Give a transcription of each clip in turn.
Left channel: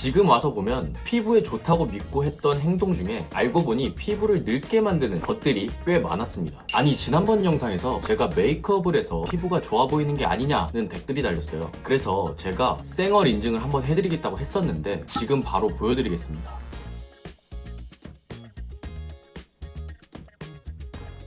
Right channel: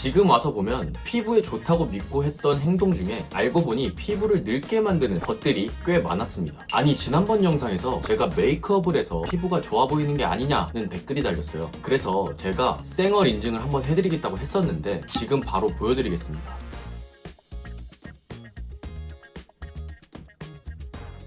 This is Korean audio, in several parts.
지금 와서 보면 피부에 좋다고 믿고 했던 행동 중에 알고 보니 피부를 늙게 만드는 것들이 꽤 많았습니다. 아니, 지난번 영상에서 제가 메이크업을 해서 피부가 좋아 보이는 게 아니냐는 댓글이 달렸어요. 그래서 제가 쌩얼 인증을 한번 해드리겠다고 했었는데 지금 바로 보여드리겠습니다.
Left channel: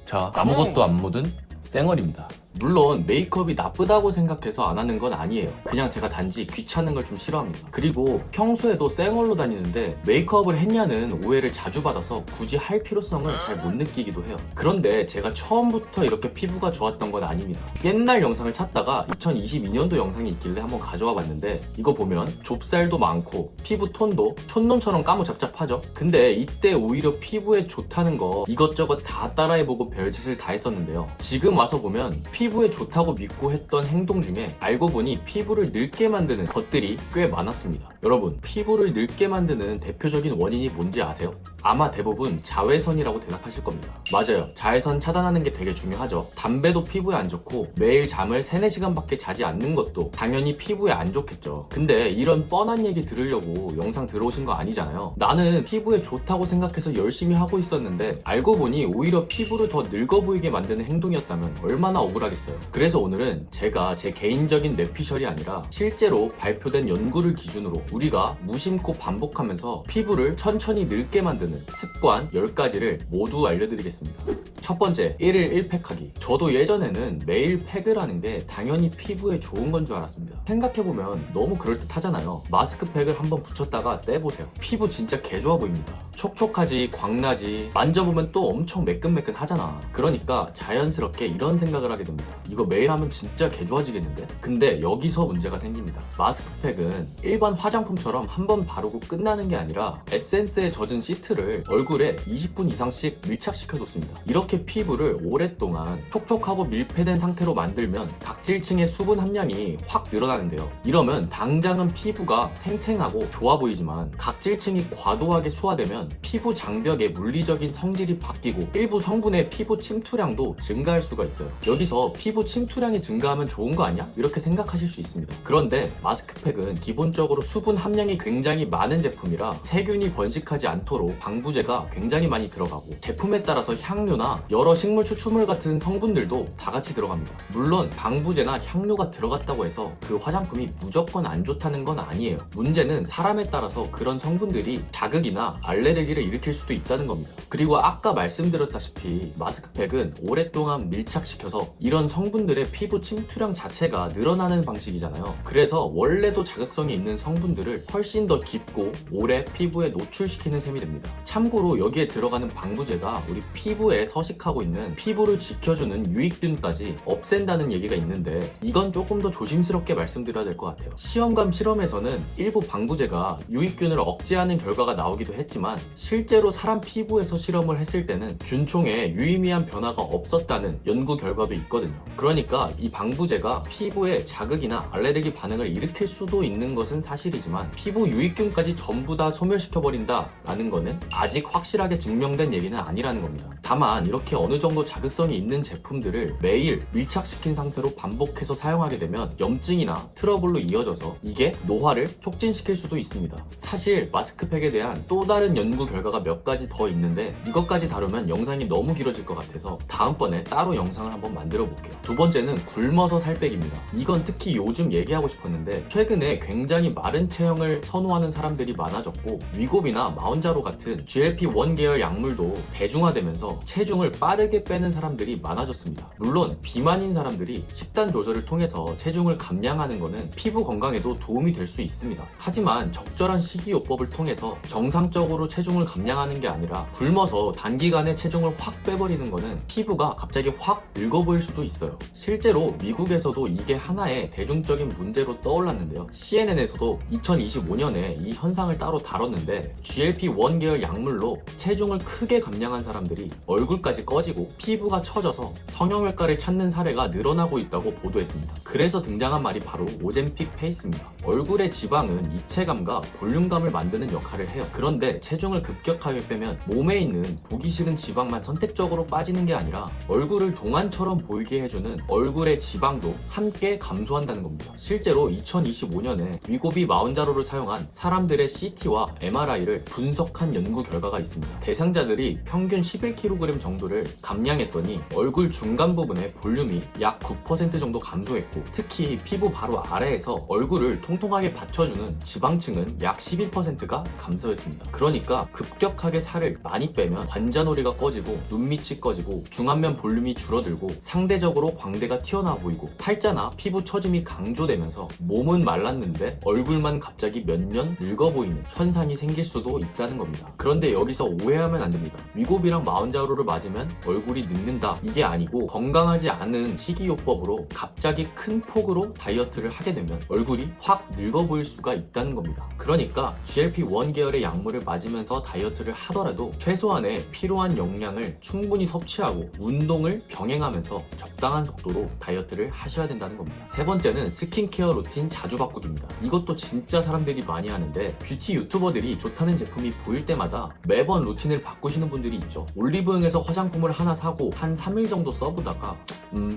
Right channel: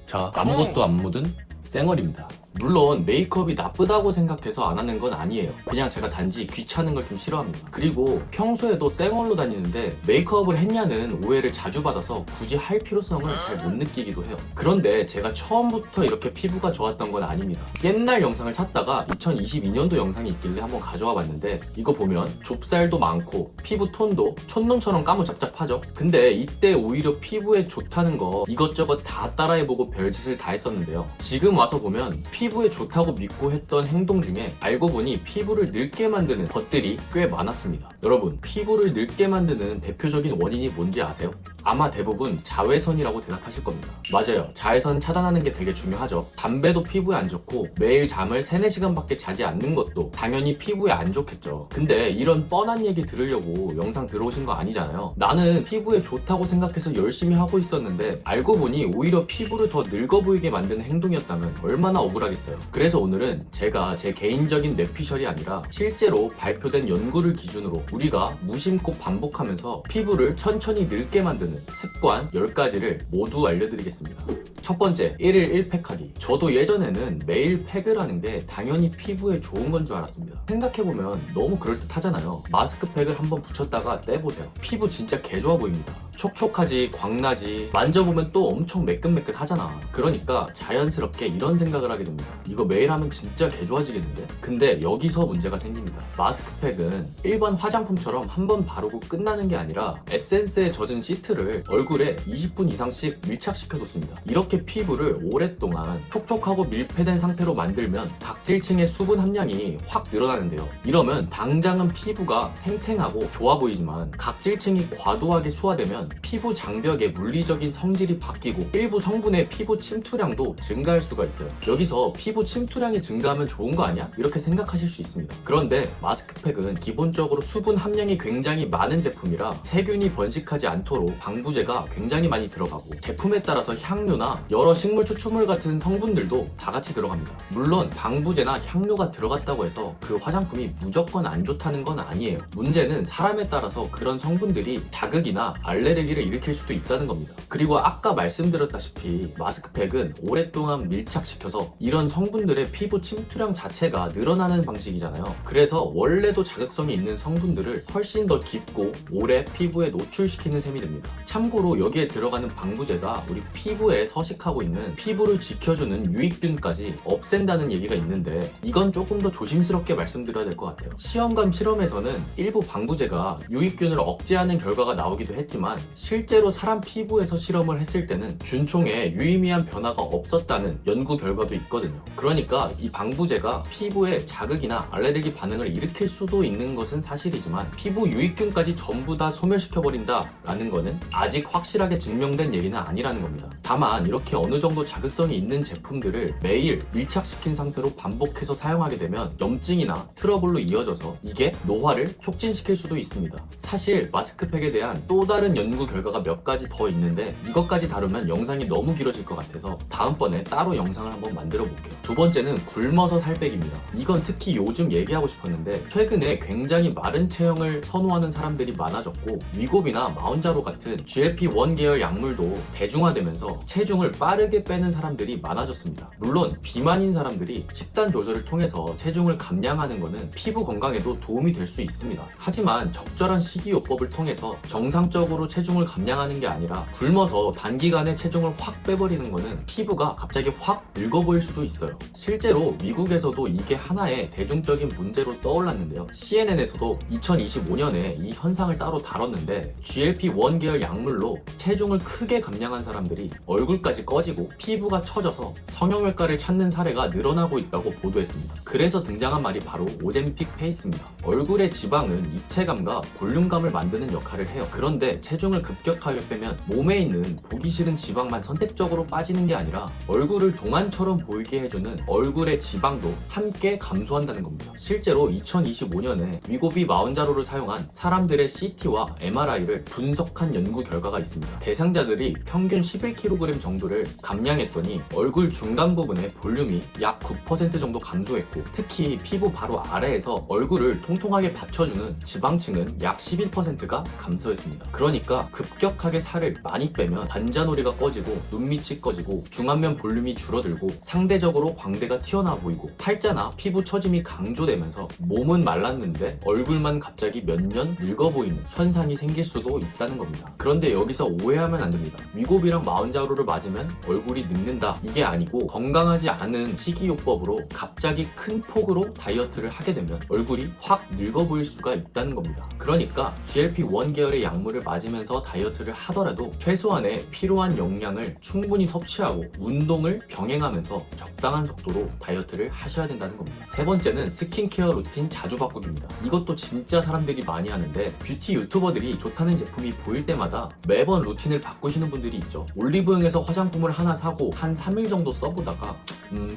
자, 아무것도 안 묻은 쌩얼입니다. 물론 메이크업이 나쁘다고 생각해서 안 하는 건 아니에요. 그냥 제가 단지 귀찮은 걸 좀 싫어합니다. 그리고 평소에도 쌩얼로 다니는데 메이크업을 했냐는 오해를 자주 받아서 굳이 할 필요성을 잘 못 느끼기도 해요. 그런데 제가 처음부터 이렇게 피부가 좋았던 건 아닙니다. 옛날 영상을 찾다가 2022년도 영상이 있길래 한번 가져와 봤는데 이거 보면 좁쌀도 많고 피부 톤도 촌놈처럼 까무잡잡하죠. 근데 이때 오히려 피부에 좋다는 거 이것저것 다 따라해보고 별짓을 다 했었는데요. 지금 와서 보면 피부에 좋다고 믿고 했던 행동 중에 알고 보니 피부를 늙게 만드는 것들이 꽤 많았습니다. 여러분, 피부를 늙게 만드는 대표적인 원인이 뭔지 아세요? 아마 대부분 자외선이라고 대답하실 겁니다. 맞아요. 자외선 차단하는 게 되게 중요하죠. 담배도 피부에 안 좋고 매일 잠을 3, 4시간밖에 자지 않는 것도 당연히 피부에 안 좋겠죠. 근데 이런 뻔한 얘기 들으려고 영상 들어오신 거 아니잖아요. 나는 피부에 좋다고 생각해서 열심히 하고 있었는데 알고 보니 오히려 피부를 더 늙어 보이게 만드는 행동이었다면 얼마나 억울하겠어요. 그래서 오늘은 제가 제 개인적인 뇌피셜이 아니라 실제로 발표된 연구를 기준으로 우리가 무심코 반복하면서 피부를 천천히 늙게 만드는 습관 10가지를 모두 알려드리겠습니다. 첫 번째, 1일 1팩하기. 저도 예전에는 매일 팩을 하는 게 당연히 피부에 좋은 건 줄 알았습니다. 생각해보면 너무 그럴듯하잖아요. 마스크팩을 한번 붙였다가 떼보세요. 피부 진짜 개좋아 보입니다. 촉촉하지, 광나지, 만져보면 또 엄청 매끈매끈 하잖아. 그러니까 자연스럽게 이런 생각을 하게 됩니다. 이거 매일 하면 진짜 개좋아지겠는데? 근데 여기서 문제가 생깁니다. 마스크팩은 일반 화장품처럼 한 번 바르고 끝나는 게 아니라 에센스에 젖은 시트를 얼굴에 20분 이상씩 밀착시켜놓습니다. 이렇게 피부를 오랫동안 촉촉하고 밀폐된 상태로 만들면 각질층의 수분 함량이 확 늘어나는데요. 이러면 당장은 피부가 탱탱하고 좋아 보이지만 각질층이 과도하게 소화되면 피부 장벽의 물리적인 성질이 바뀌고 일부 성분의 피부 침투량도 증가할 수가 있어요. 여기서 피부 침투량이 증가하면 좋은 거 아니야? 이렇게 생각하실 수 있습니다. 그런데 마스크팩은 기본적으로 수분 함량이 굉장히 많은 제품이라 세균이 번식하지 않도록 방부제가 굉장히 많이 들어가고 제품에 따라서 향료나 여러 식물 추출물 같은 성분들도 다 같이 들어갑니다. 물론 방부제나 향료가 들어갔다고 해서 그 화장품이 무조건 안 좋다는 건 아니에요. 문제는 사람에 따라서 그런 성분들이 자극이나 알레르기를 일으킬 수도 있다는 겁니다. 그리고 아까 말씀드렸다시피 마스크팩은 오랫동안 밀착시켜서 이런 성분들의 피부 침투량 자체가 늘어나는 방식이잖아요. 그래서 원래도 자극성이 있는 성분들을 훨씬 더 깊고 오래 피부에 노출시키는 셈이 됩니다. 참고로 여기에 들어가는 방부제가 우리 피부에 서식하고 있는 피부를 지켜주는 유익균까지 없앤다는 얘기가 있는데 이건 조금 더 조심스럽게 말씀드려야 될 것 같아요. 시험관 실험에서는 일부 방부제가 유익균을 억제하는 결과가 나오기도 했지만 실제로 사람 피부에서 실험을 했을 때는 균총에 유의미한 변화가 없었다는 연구 결과도 있거든요. 그러니까 이 방부제가 피부에 자극이나 알레르기 반응을 일으킬 수도 있는 것은 사실이지만 피부 유익균까지 전부 다 소멸시켜버린다 라는 거는 아직 확실하게 증명된 얘기는 아니라는 겁니다. 다만 이렇게 어느 정도 자극성이 있는 제품들을 매일 밀착시킨 상태로 반복해서 사용하게 되면 염증이나 트러블로 이어져서 이게 노화를 촉진시킬 수도 있습니다. 사실 마스크팩에 대한 또 다른 연구 결과가 몇 가지 더 있는데 이것까지 다루면 영상이 너무 길어질 것 같아서 다음번에 따로 영상을 한번 만들어 볼게요. 두 번째는 굶어서 살 빼기입니다. 이건 특히 요즘 얘기하고 싶었는데 최근에 굉장히 마른 체형을 선호하는 사람들이 많아졌고 위고비나 마운자로 같은 GLP-1 계열 약물도 대중화되면서 체중을 빠르게 빼는 사람들이 많아졌습니다. 물론 비만인 사람들이 식단 조절을 통해서 체중을 감량하는 것은 피부 건강에도 도움이 될 수 있습니다. 하지만 적절한 식이요법을 통해서 정상적으로 체중을 감량하는 게 아니라 굶어서 단기간에 체중을 확 빼버리는 것은 피부가 갑자기 확 늙어 보일 수도 있어요. 실제로 미국에서도 이게 하나의 대중적인 문제로 떠올랐는데요. CNN에서도 2025년에 이 현상을 따로 다뤘는데 GLP-1 계열 약물로 체중을 크게 감량한 사람들이 얼굴까지 꺼지고 피부가 처져서 성형외과를 찾는 사례가 늘어나고 있다고 보도했습니다. 그래서 등장한 말이 바로 오젬픽 페이스입니다. 얼굴의 지방은 입체감과 볼륨감을 만드는 역할을 해요. 그런데 체중 체중을 급격하게 빼면 몸에 있는 보기 싫은 지방만 선택적으로 빠지는 게 아니라 얼굴을 동안처럼 보이게 해주는 얼굴의 지방도 함께 감소한다는 겁니다. 실제로 2025년에 위고비 마운자로를 사용한 사람들의 CT와 MRI를 분석한 연구 결과가 있습니다. 대상자들이 평균 11kg 정도를 감량했더니 얼굴 중간 부분의 볼륨이 약 9% 정도 감소했고, 특히 피부 바로 아래에서 얼굴을 통통하게 받쳐주는 지방층은 약 11%가 감소했습니다. 그러니까 급격하게 살을 많이 빼면 관자놀이가 꺼지고 눈밑이 꺼지고 중안면 볼륨이 줄어들고 상대적으로 광대가 튀어나와 보이고 팔자나 피부 처짐이 강조되면서 몸은 말랐는데 얼굴만 갑자기 몇 년 늙어 보이는 현상이 생길 수도 있다는 겁니다. 그런데 여기서 오해하면 안 됩니다. 위고비랑 마운자로를 맞으면 얼굴이 늙는다, 이게 아니고 건강하지 않은 식이요법으로 갑자기 큰 폭으로 다이어트를 하게 되면 얼굴이 확 늙어 보일 수가 있다는 겁니다. 그러니까 GLP-1 계열의 약물을 맞으면서 다이어트를 하더라도 최소한의 필요한 영양을 충분히 섭취하고 운동을 병행하면서 적당한 속도로 다이어트를 하셔야 된다는 겁니다. 세 번째는 스킨케어 루틴 자주 바꾸기입니다. 이것도 진짜 사람들이 많이 하는데, 뷰티 유튜버들이 좋다는 제품이 보일 때마다 매번 루틴을 바꾸시는 분들이 있죠. 올리브영에서 화장품을 하나 사고 한 3일 정도 써보다가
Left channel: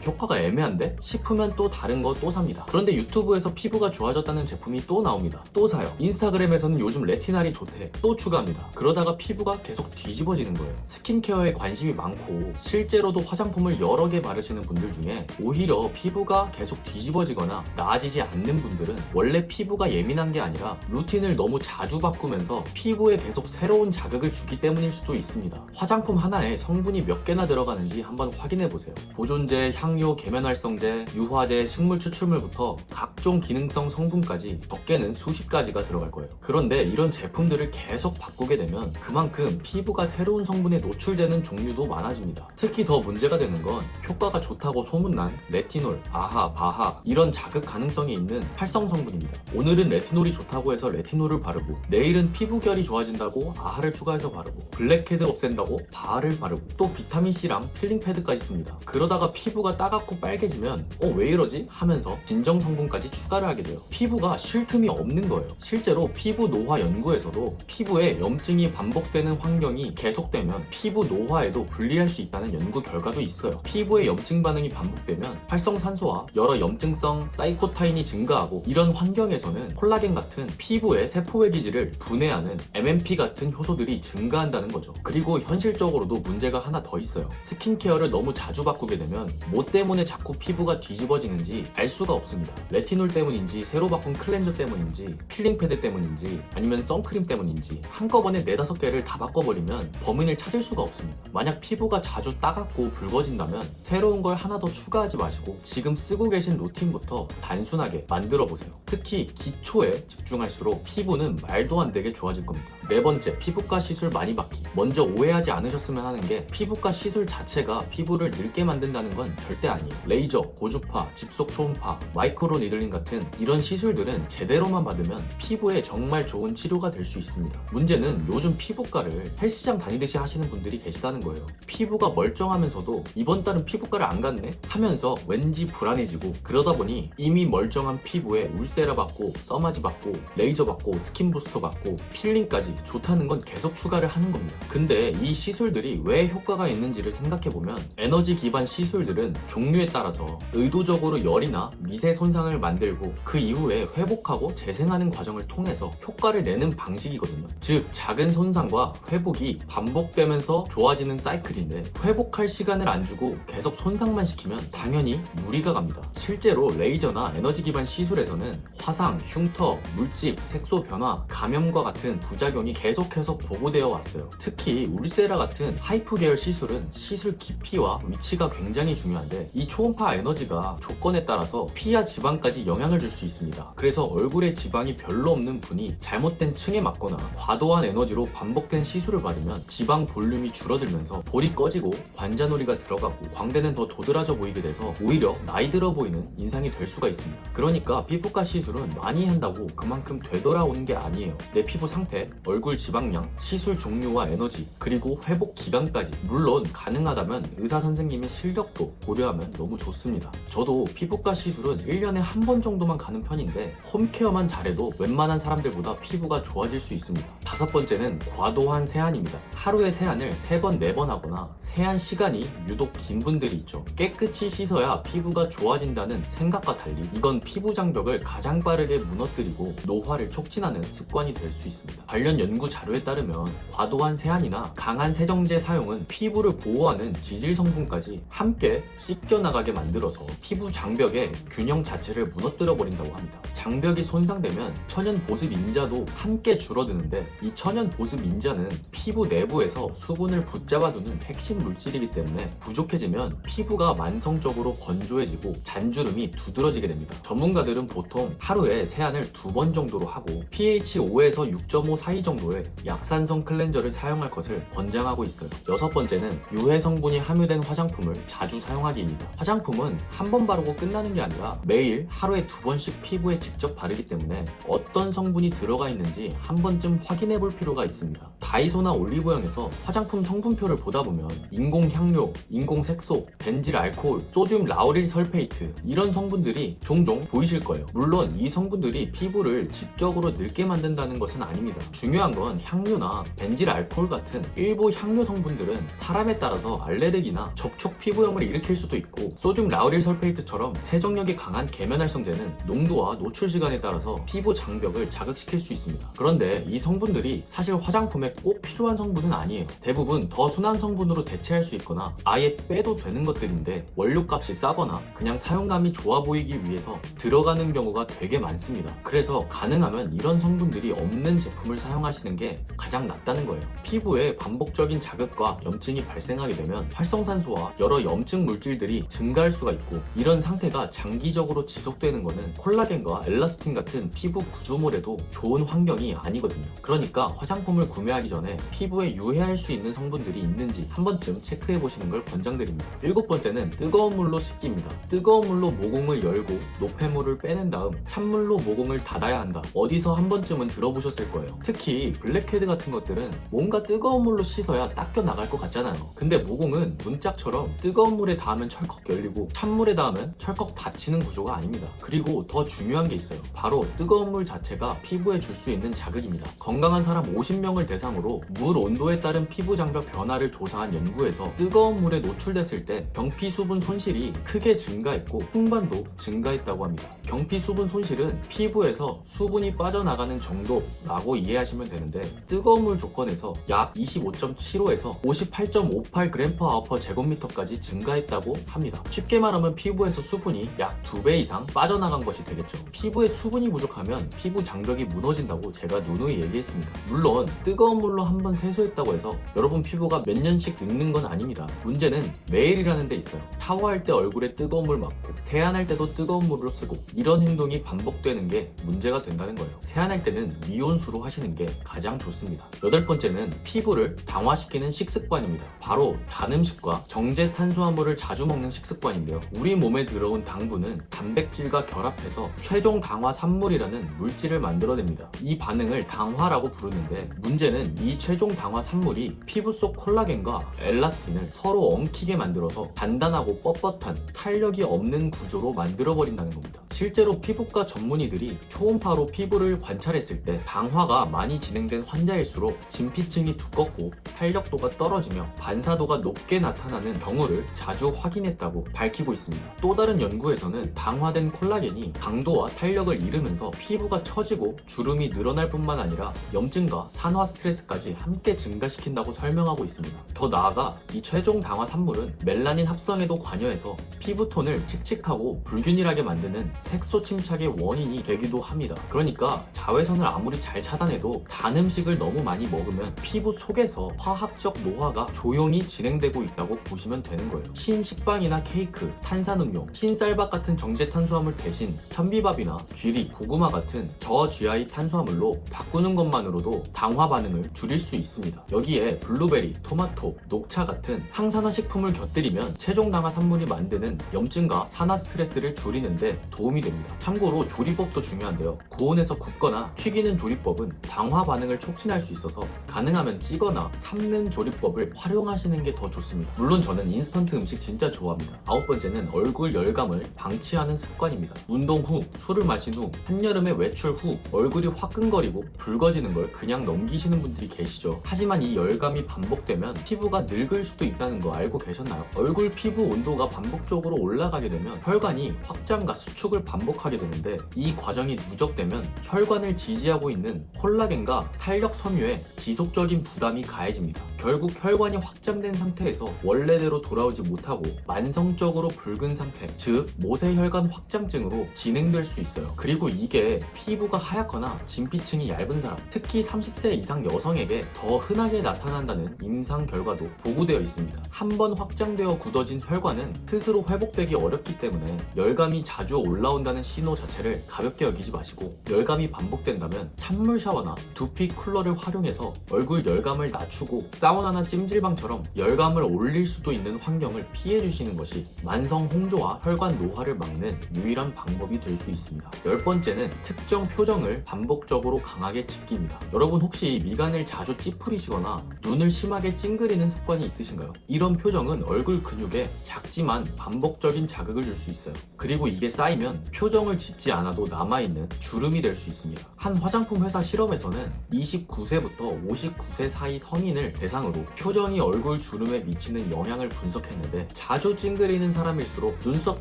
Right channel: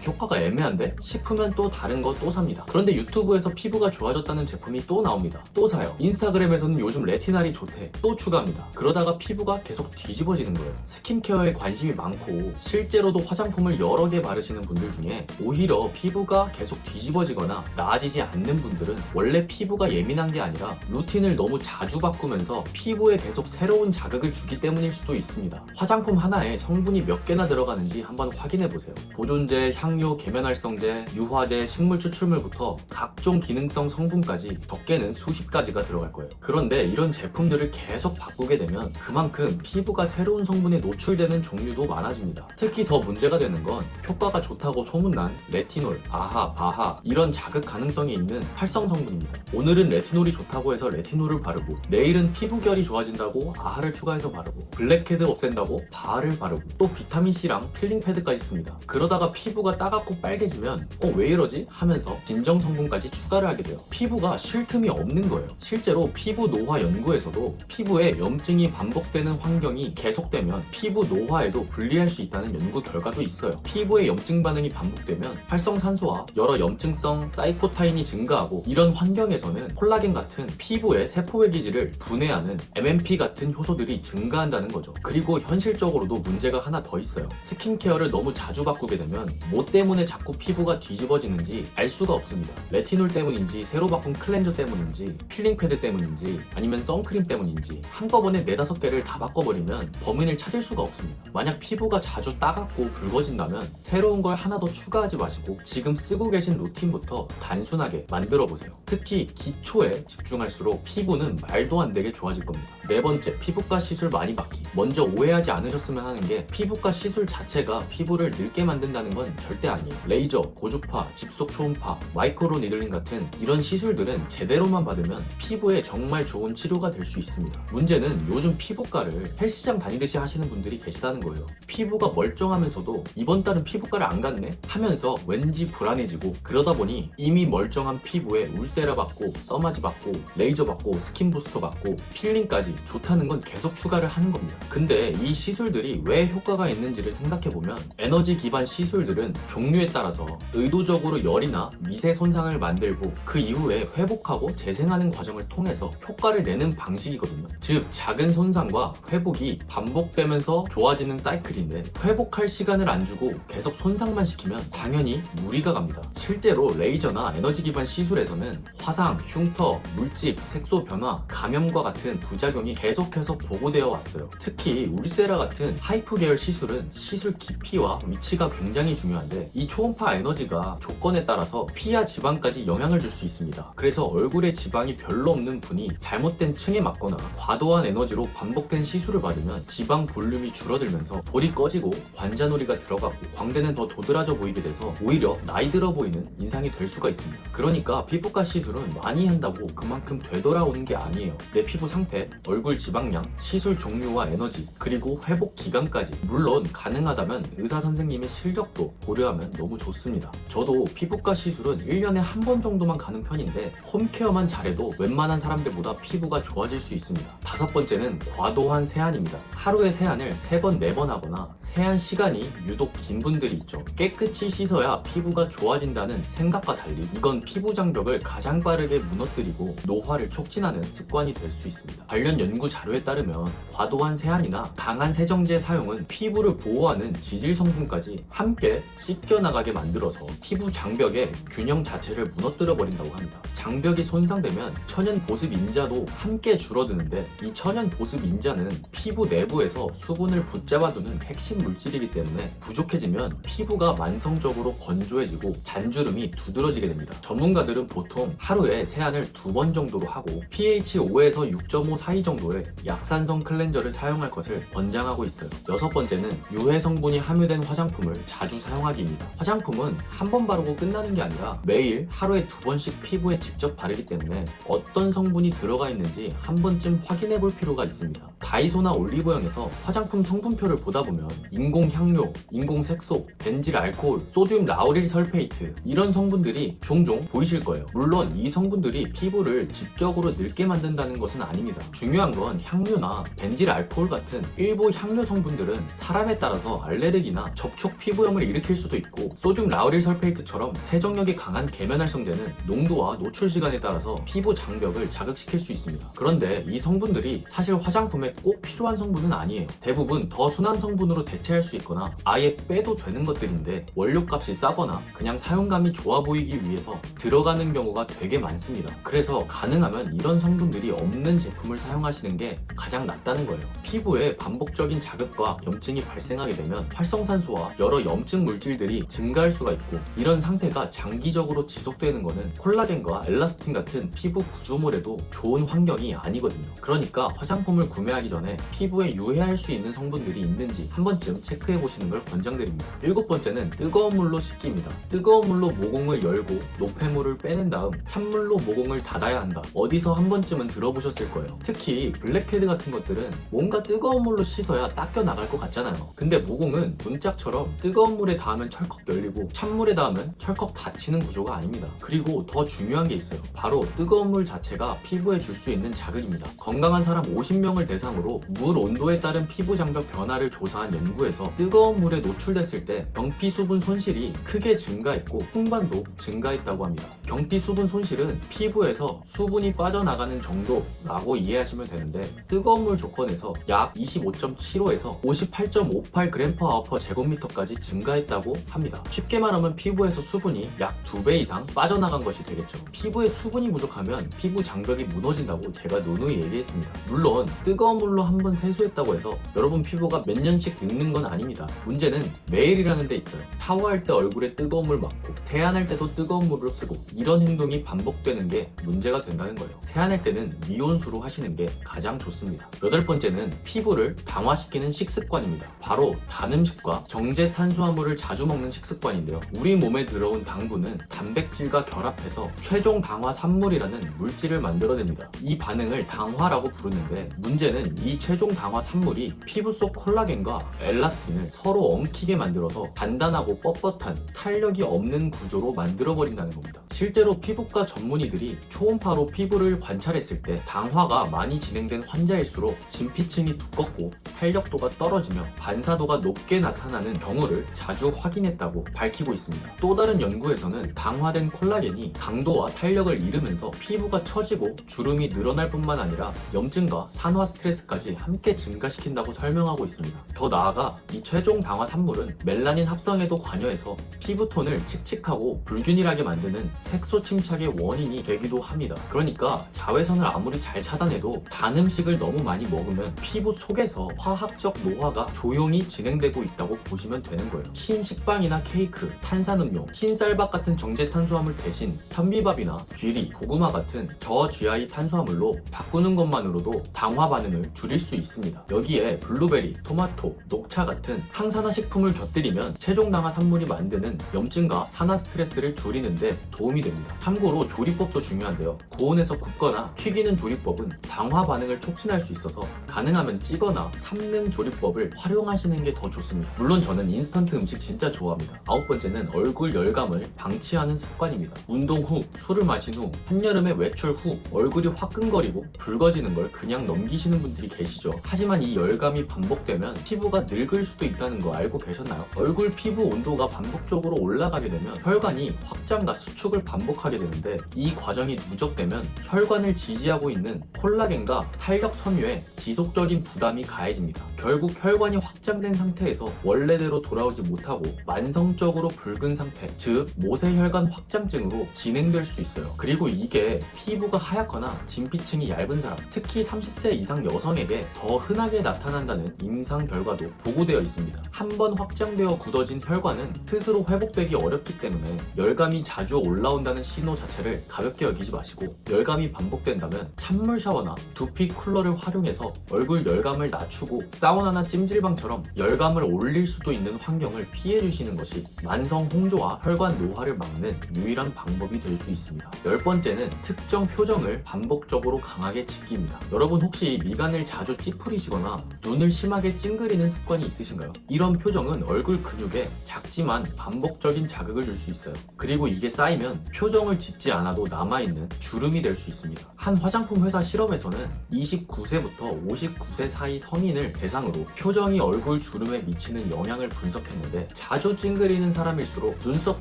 효과가 애매한데 싶으면 또 다른 거 또 삽니다. 그런데 유튜브에서 피부가 좋아졌다는 제품이 또 나옵니다. 또 사요. 인스타그램에서는 요즘 레티날이 좋대. 또 추가합니다. 그러다가 피부가 계속 뒤집어지는 거예요. 스킨케어에 관심이 많고 실제로도 화장품을 여러 개 바르시는 분들 중에 오히려 피부가 계속 뒤집어지거나 나아지지 않는 분들은 원래 피부가 예민한 게 아니라 루틴을 너무 자주 바꾸면서 피부에 계속 새로운 자극을 주기 때문일 수도 있습니다. 화장품 하나에 성분이 몇 개나 들어가는지 한번 확인해 보세요. 보존제, 향료, 계면활성제, 유화제, 식물 추출물부터 각종 기능성 성분까지 적게는 수십 가지가 들어갈 거예요. 그런데 이런 제품들을 계속 바꾸게 되면 그만큼 피부가 새로운 성분에 노출되는 종류도 많아집니다. 특히 더 문제가 되는 건 효과가 좋다고 소문난 레티놀, 아하, 바하 이런 자극 가능성이 있는 활성 성분입니다. 오늘은 레티놀이 좋다고 해서 레티놀을 바르고, 내일은 피부결이 좋아진다고 아하를 추가해서 바르고, 블랙헤드 없앤다고 바하를 바르고, 또 비타민C랑 필링 패드까지 씁니다. 그러다가 피부가 따갑고 빨개지면 왜 이러지? 하면서 진정 성분까지 추가를 하게 돼요. 피부가 쉴 틈이 없는 거예요. 실제로 피부 노화 연구에서도 피부에 염증이 반복되는 환경이 계속되면 피부 노화에도 불리할 수 있다는 연구 결과도 있어요. 피부에 염증 반응이 반복되면 활성산소와 여러 염증성 사이토타인이 증가하고, 이런 환경에서는 콜라겐 같은 피부의 세포외 기질을 분해하는 MMP 같은 효소들이 증가한다는 거죠. 그리고 현실적으로도 문제가 하나 더 있어요. 스킨케어를 너무 자주 바꾸게 되면 뭐 때문에 자꾸 피부가 뒤집어지는지 알 수가 없습니다. 레티놀 때문인지, 새로 바꾼 클렌저 때문인지, 필링 패드 때문인지, 아니면 선크림 때문인지 한꺼번에 4-5개를 다 바꿔버리면 범인을 찾을 수가 없습니다. 만약 피부가 자주 따갑고 붉어진다면 새로운 걸 하나 더 추가하지 마시고 지금 쓰고 계신 루틴부터 단순하게 만들어 보세요. 특히 기초에 집중할수록 피부는 말도 안 되게 좋아질 겁니다. 네 번째, 피부과 시술 많이 받기. 먼저 오해하지 않으셨으면 하는 게, 피부과 시술 자체가 피부를 늙게 만든다는 건 절대 아니에요. 레이저, 고주파, 집속 초음파, 마이크로 니들링 같은 이런 시술들은 제대로만 받으면 피부에 정말 좋은 치료가 될 수 있습니다. 문제는 요즘 피부과를 헬스장 다니듯이 하시는 분들이 계시다는 거예요. 피부가 멀쩡하면서도 이번 달은 피부과를 안 갔네? 하면서 왠지 불안해지고, 그러다 보니 이미 멀쩡한 피부에 울세라 받고, 써마지 받고, 레이저 받고, 스킨 부스터 받고, 필링까지 좋다는 건 계속 추가를 하는 겁니다. 근데 이 시술들이 왜 효과가 있는지를 생각해보면, 에너지 기반 시술들은 종류에 따라서 의도적으로 열이나 미세 손상을 만들고 그 이후에 회복하고 재생하는 과정을 통해서 효과를 내는 방식이거든요. 즉 작은 손상과 회복이 반복되면서 좋아지는 사이클인데, 회복할 시간을 안 주고 계속 손상만 시키면 당연히 무리가 갑니다. 실제로 레이저나 에너지 기반 시술에서는 화상, 흉터, 물집, 색소 변화, 감염과 같은 부작용이 계속해서 보고되어 왔어요. 특히 울세라 같은 하이프 계열 시술은 시술 깊이와 위치가 굉장히 중요한데, 이 초음파 에너지가 조건에 따라서 피와 지방까지 영향을 줄 수 있습니다. 그래서 얼굴에 지방이 별로 없는 분이 잘못된 층에 맞거나 과도한 에너지로 반복된 시술을 받으면 지방 볼륨이 줄어들면서 볼이 꺼지고 관자놀이가 들어가고 광대는 더 도드라져 보이게 돼서 오히려 나이 들어 보이는 인상이 될 수가 있습니다. 그러니까 피부과 시술은 많이 한다고 그만큼 되돌아오는 게 아니에요. 내 피부 상태, 얼굴 지방량, 시술 종류와 에너지, 그리고 회복 기간까지, 물론 가능하다면 의사 선생님의 실력도 고려하면 너무 좋습니다. 저도 피부과 시술은 1년에 한 번 정도만 가는 편인데 홈케어만 잘해도 웬만한 사람들보다 피부가 좋아질 수 있습니다. 다섯 번째는 과도한 세안입니다. 하루에 세안을 3번, 4번 하거나 세안 시간이 유독 긴 분들이 있죠. 깨끗이 씻어야 피부가 좋아진다는 생각과 달리 이건 피부 장벽을 가장 빠르게 무너뜨리고 노화를 촉진하는 습관이 될 수 있습니다. 관련 연구 자료에 따르면 과도한 세안이나 강한 세정제 사용은 피부를 보호하는 지질 성분까지 함께 씻겨나가게 만들어서 피부 장벽의 균형 자체를 무너뜨려 버린다고 합니다. 장벽이 손상되면 천연 보습 인자도 함께 줄어드는데 이 천연 보습 인자는 피부 내부에서 수분을 붙잡아두는 핵심 물질이기 때문에 부족해지면 피부가 만성적으로 건조해지고 잔주름이 두드러지게 됩니다. 전문가들은 보통 하루에 세안을 2번 정도로 하고 pH 5에서 6.5 사이 정도의 약산성 클렌저를 사용할 것을 권장하고 있어요. 여섯 번째는 유해 성분이 함유된 화장품을 자주 사용하기입니다. 화장품은 한 번 바르고 끝나는 게 아니라 매일 하루에 2번씩 피부에 직접 바르기 때문에 어떤 성분이 들어가 있는지 한 번쯤 확인해 볼 필요가 있습니다. 다이소나 올리브영에서 화장품 성분표를 보다 보면 인공 향료, 인공 색소, 벤질 알코올, 소듐 라우릴 설페이트 이런 성분들이 종종 보이실 거예요. 물론 이 성분들이 피부를 직접으로 늙게 만든다는 것은 아닙니다. 중요한 건 향료나 벤질 알코올 같은 일부 향료 성분들은 사람에 따라서 알레르기나 접촉 피부염을 일으킬 수도 있고 소듐 라우릴 설페이트처럼 세정력이 강한 계면활성제는 농도와 노출 시간에 따라서 피부 장벽을 자극시킬 수 있습니다. 그런데 이 성분들이 사실 화장품에 꼭 필요한 성분은 아니에요. 대부분 더 순한 성분으로 대체할 수 있거나 아예 빼도 되는 것들인데 원료값이 싸거나 그냥 사용감이 좋아 보이기 위해서 들어가는 경우가 되게 많습니다. 그래서 가능하면 이런 성분들이 없는 제품을 사용하시는 게 가장 낫다는 거예요. 피부에 반복적인 자극과 염증이 발생하게 되면 활성산소와 여러 염증 물질들이 증가할 수가 있고 이런 상태가 장기적으로 지속되는 것은 콜라겐과 엘라스틴 같은 피부 구조물에도 좋은 환경이 아니거든요. 그러니까 화장품을 구매하기 전에 피부에 유해할 수 있는 성분들이 있는지 한 번쯤 체크해 보시는 걸 권장드립니다. 일곱 번째는 뜨거운 물로 씻기입니다. 뜨거운 물로 모공을 열고 노폐물을 빼낸 다음 찬물로 모공을 닫아야 한다. 어디서 한 번쯤은 들어보셨을 거예요. 특히 블랙헤드 같은 것들은 뭔가 뜨거운 물로 씻어야 닦여 나갈 것 같잖아요. 근데 모공은 문짝처럼 뜨거운 물에 닿으면 철컥 열리고 찬물에 닿으면 철컥 닫히는 구조가 아닙니다. 그리고 더 중요한 게 있어요. 바로 뜨거운 물 자체가 피부에 줄 수 있는 자극입니다. 건강한 사람 50명을 대상으로 물 온도에 따른 피부 장벽 변화를 조사한 연구에서 뜨거운 물에 노출됐을 때 경피 수분 손실이 크게 증가했고 풍반도 증가했다고 합니다. 경피 수분 손실은 피부에서 수분이 빠져나가는 정도라고 이해하시면 되는데 뜨거운 물 조건에서 약 25.75에서 58.58g/h 제곱미터까지 증가했다고 합니다. 쉽게 말하면 피부에서 수분이 약 2배 이상 빠져나간 것이 되겠죠. 피부에 수분이 부족하면 피부 장벽이 무너진다고 제가 누누이 얘기했습니다. 물론 뜨거운 물로 한번 세수했다고 해서 여러분 피부가 몇 년씩 늙는 건 아닙니다. 문제는 매일이라는 데 있어요. 샤워할 때 얼굴에 뜨거운 물 맞고 세안할 때도 뜨거운 물을 쓰고 이런 행동이 반복되는 게 문제가 된다는 거예요. 세안할 때는 미온수로 하시는 게 가장 좋습니다. 여덟 번째는 피부를 당화시키는 식습관입니다. 바로 단 음식과 정제 탄수화물을 자주 먹는 식습관인데요. 우리 몸에 들어온 당분은 단백질과 결합해서 최종 당화 산물이라는 물질을 만들어냅니다. 이 반응을 당화라고 부르는데 문제는 이 최종 당화 산물이 피부 속 콜라겐과 엘라스틴을 서로 엉키게 만들어서 단단하고 뻣뻣한 탄력이 없는 구조로 만들어버린다는 겁니다. 실제로 피부과 전문의들이 초음파로 피부를 관찰했을 때 당화가 많이 진행된 환자일수록 진피층이 두껍고 탄력도가 떨어지며 반사도가 높게 나타나는 경우를 자주 확인했다고 밝히고 있습니다. 또 다른 연구에서는 당화된 콜라겐이 강도와 탄력을 잃으면서 피부가 처지고 주름이 늘어날 뿐만 아니라 염증과 산화 스트레스까지 함께 증가시킨다고 설명하고 있습니다. 더 나아가 이 최종 당화 산물은 멜라닌 합성에도 관여해서 피부톤을 칙칙하고 불균일하게 만드는 색소 침착의 원인이 되기도 합니다. 그러니까 자외선을 아무리 잘 차단해도 단 음식을 너무 많이 먹으면 피부 속에서 화학적 노화가 조용히 진행되고 있다고 보시면 되는 거예요. 흰 식빵이나 케이크, 탄산음료, 흰 쌀밥 같은 정제 탄수화물 대신 현미밥이나 귀리, 고구마 같은 저GI 탄수화물로 바꾸는 것만으로도 당화 반응을 줄일 수 있습니다. 여기에 블루베리, 토마토, 녹차 같은 항산화 식품을 곁들이면 최종 당화 산물이 만드는 염증과 산화 스트레스를 줄이는데 도움이 됩니다. 참고로 조리법도 중요한데요. 고온에서 굽거나 튀기는 조리법은 당화 반응을 촉진할 수 있어서 가능하면 찌거나 삶는 조리법을 활용하시는 게 더 좋습니다. 물론 저는 인스턴트 음식 진짜 좋아합니다. 9번째는 얼굴 열감을 방치하는 습관입니다. 운동 후, 술을 마신 후, 한여름에 외출 후 얼굴이 화끈거리고 붉어지는 걸 그냥 넘기시는 분들이 계시죠. 하지만 이 열감이 반복되면 피부가 늙을 수도 있다는 거 알고 계셨나요? 얼굴 피부 온도가 반복적으로 올라가게 되면 혈관이 확장과 수축을 반복하게 되는데 이 과정이 누적되면 혈관을 지지하고 있는 콜라겐과 탄력 섬유에 지속적인 부담이 가해집니다. 결국 혈관이 확장된 상태에서 원래대로 돌아오지 못하고 만성적으로 붉은 상태, 즉 모세혈관 확장증으로 진행될 수 있어요. 그리고 이게 피부가 하얗거나 진피층이 얇은 사람, 특히 30세 이상 여성에게 더 흔하게 나타난다는 임상 결과도 보고되어 있습니다. 한번 확장되어 굳어진 혈관은 스스로 회복되기 어렵기 때문에 열감이 자주 올라온다는 신호 자체를 가볍게 여기지 마시고, 열감이 반복된다면 찬물 샤워나 두피 쿨러를 활용해서 얼굴 열감을 낮추고 사우나나 찜질방처럼 열감을 올릴 수도 있는 환경을 피해 주시는 것이 만성 홍조와 혈관 노화를 막는 유일한 방법이 될 수 있습니다. 10번째는 특정 표정을 반복적으로 강하게 지킵니다. 여러분 혹시 미간을 자주 찌푸리시거나 눈을 심하게 찡그리는 습관이 있으신가요? 이런 표정은 얼굴 근육에 작지만 반복적인 자극을 줄 수 있어요. 그리고 이게 쌓이면 표정을 짓지 않아도 남아있는 주름이 될 수 있습니다. 한 화장품 회사 실험에서는 29세부터 59세 사이 성인을 대상으로 표정이 얼굴 주름에 미치는 영향을 분석했는데, 자주 찡그리는 사람일수록 눈썹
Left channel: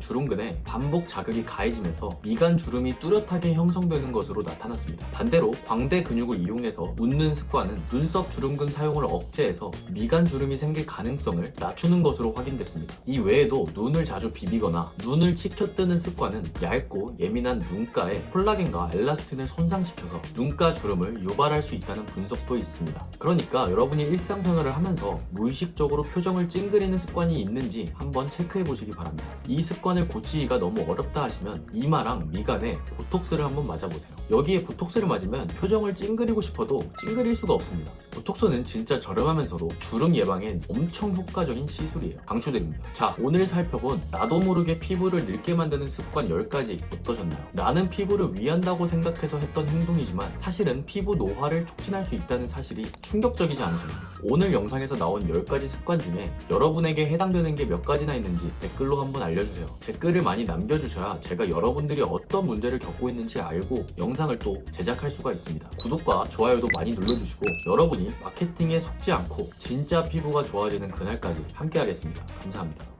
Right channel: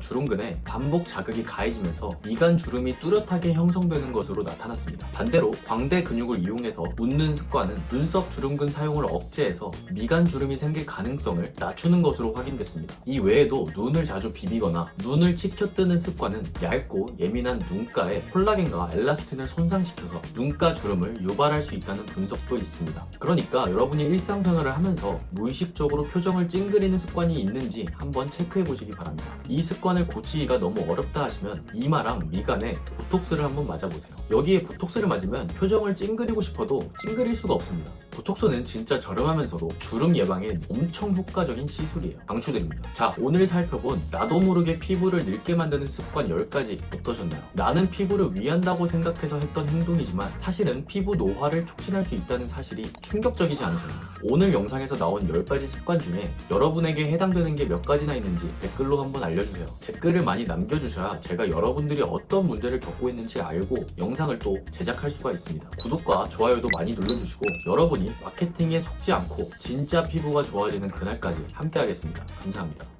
주름근에 반복 자극이 가해지면서 미간 주름이 뚜렷하게 형성되는 것으로 나타났습니다. 반대로 광대 근육을 이용해서 웃는 습관은 눈썹 주름근 사용을 억제해서 미간 주름이 생길 가능성을 낮추는 것으로 확인됐습니다. 이 외에도 눈을 자주 비비거나 눈을 치켜뜨는 습관은 얇고 예민한 눈가에 콜라겐과 엘라스틴을 손상시켜서 눈가 주름을 유발할 수 있다는 분석도 있습니다. 그러니까 여러분이 일상생활을 하면서 무의식적으로 표정을 찡그리는 습관이 있는지 한번 체크해 보시기 바랍니다. 이 습관을 고치기가 너무 어렵다 하시면 이마랑 미간에 보톡스를 한번 맞아보세요. 여기에 보톡스를 맞으면 표정을 찡그리고 싶어도 찡그릴 수가 없습니다. 보톡스는 진짜 저렴하면서도 주름 예방에 엄청 효과적인 시술이에요. 강추드립니다. 자, 오늘 살펴본 나도 모르게 피부를 늙게 만드는 습관 10가지 어떠셨나요? 나는 피부를 위한다고 생각해서 했던 행동이지만 사실은 피부 노화를 촉진할 수 있다는 사실이 충격적이지 않나요? 오늘 영상에서 나온 10가지 습관 중에 여러분에게 해당되는 게 몇 가지나 있는지 댓글로 한번 알려주세요. 댓글을 많이 남겨주셔야 제가 여러분들이 어떤 문제를 겪고 있는지 알고 영상을 또 제작할 수가 있습니다. 구독과 좋아요도 많이 눌러주시고, 여러분이 마케팅에 속지 않고 진짜 피부가 좋아지는 그날까지 함께 하겠습니다. 감사합니다.